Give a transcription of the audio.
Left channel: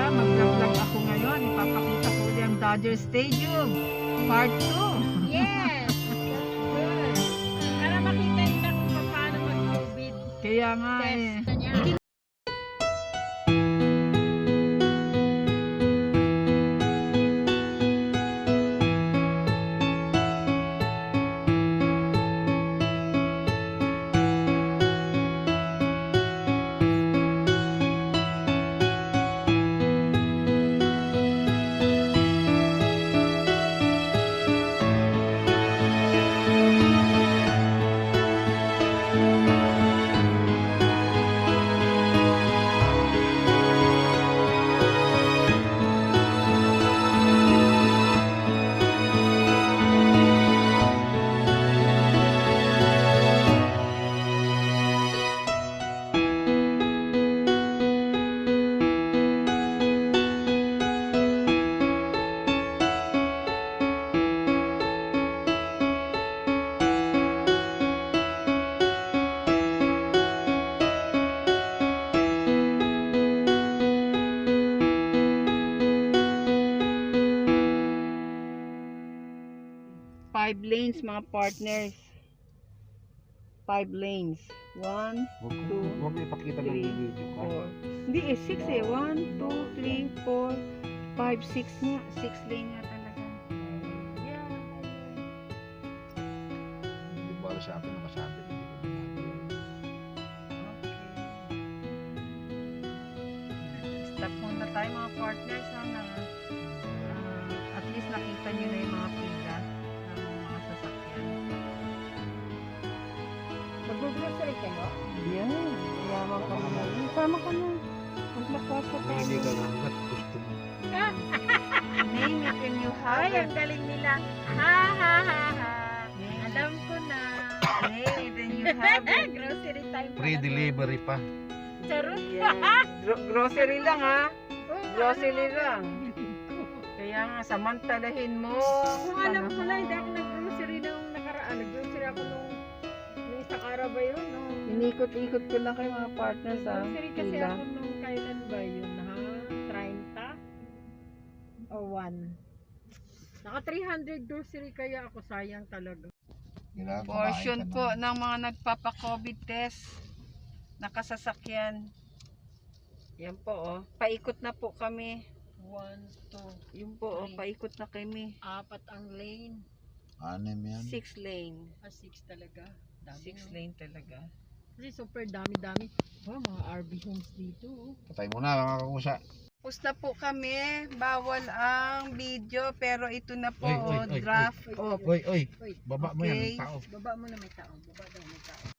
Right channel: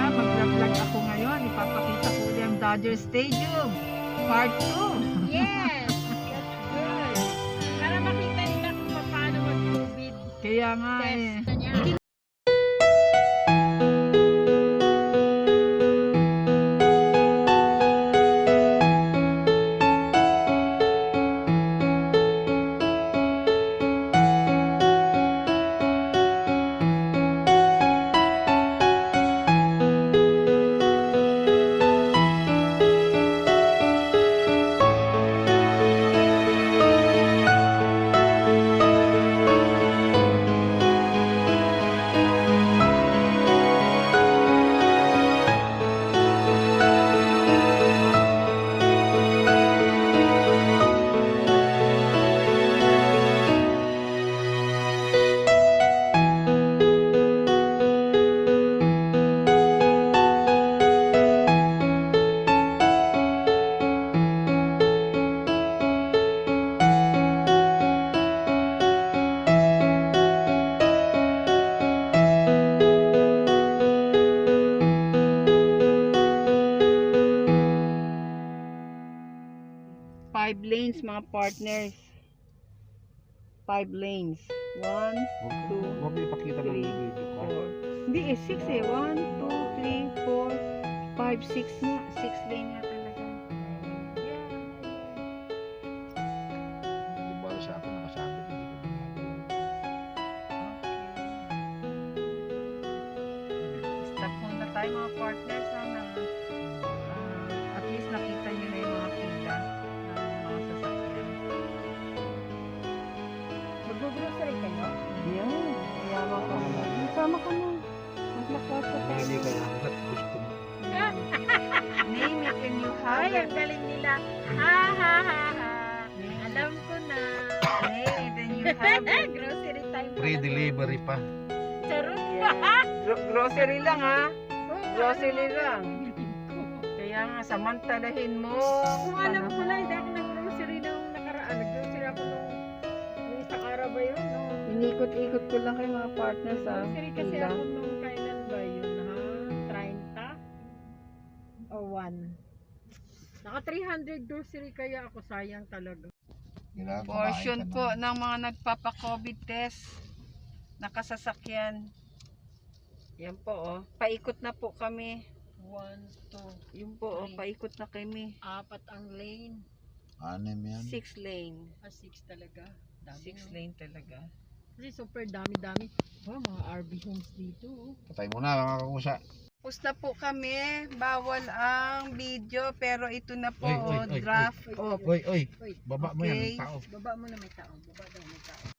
Mag-vlog ako ngayon. Ipapakita ko ulit ang Dodger Stadium. Part 2. Yes! That's good. Para makita nila kung paano mag-COVID Kaya nga test eh. niya. Five lanes mga partners. 5 lanes. 1, Huwag mo ipakita ng 3, video ka. 4. Hindi eh, 6 eh. 1, 2, 3, 4, 5, 6 nga. 6 lane nga talaga. Yeah. Hindi ba sa akin nakasabi na hindi ko ginagawa. Okay. Stop muna tayo mga partners. Sana at least nakita nyo na yung mga pila ng mga sasakyan. Mag-grocery kayo? Yan. Yaman ka na. Sama ka na. Maglakwatsa tayo. Hindi ka hanggat gusto mo. Name it and you have Ay, it. ang galing nila. Ha ha ha ha. Name Alam ko na. Name it and you have it. Grocery time pala. Free delivery pa. Charot. Yan. Grocery lang ha. Oh, Grocery ano lang. ang bibilhin ko? Kaya nga, samantalahin mo. Kung alam ko lang, hindi ako nag-grocery nung nakaraan. Nag-grocery ako nung isang araw ba yun? No? Inikot-ikot ko lang kayo mga partners ha. Grocery kasi Pila. ako nung kailan ba yun ha? 30? O 1? Naka 300 grocery kaya ako, sayang talaga. Portion po ng mga nagpapa-COVID test. Nakasasakyan. Yan po oh. Paikot na po kami. 1, 2, Yun po oh. Paikot na kami. 4 ang lane. 6 yan. 6 lane. 6 talaga. Dami 6 lane talaga. Kasi super dami-dami. Oh, mga RV homes dito. Oh. Patay mo na mga kakusa. Tapos na po kami. Bawal ang video. Pero ito na po Oy, oh, oy, oy, draft. Oh, Oy, Uy, baba mo yan Okay. ng tao. baba mo na may tao. Baba daw may tao.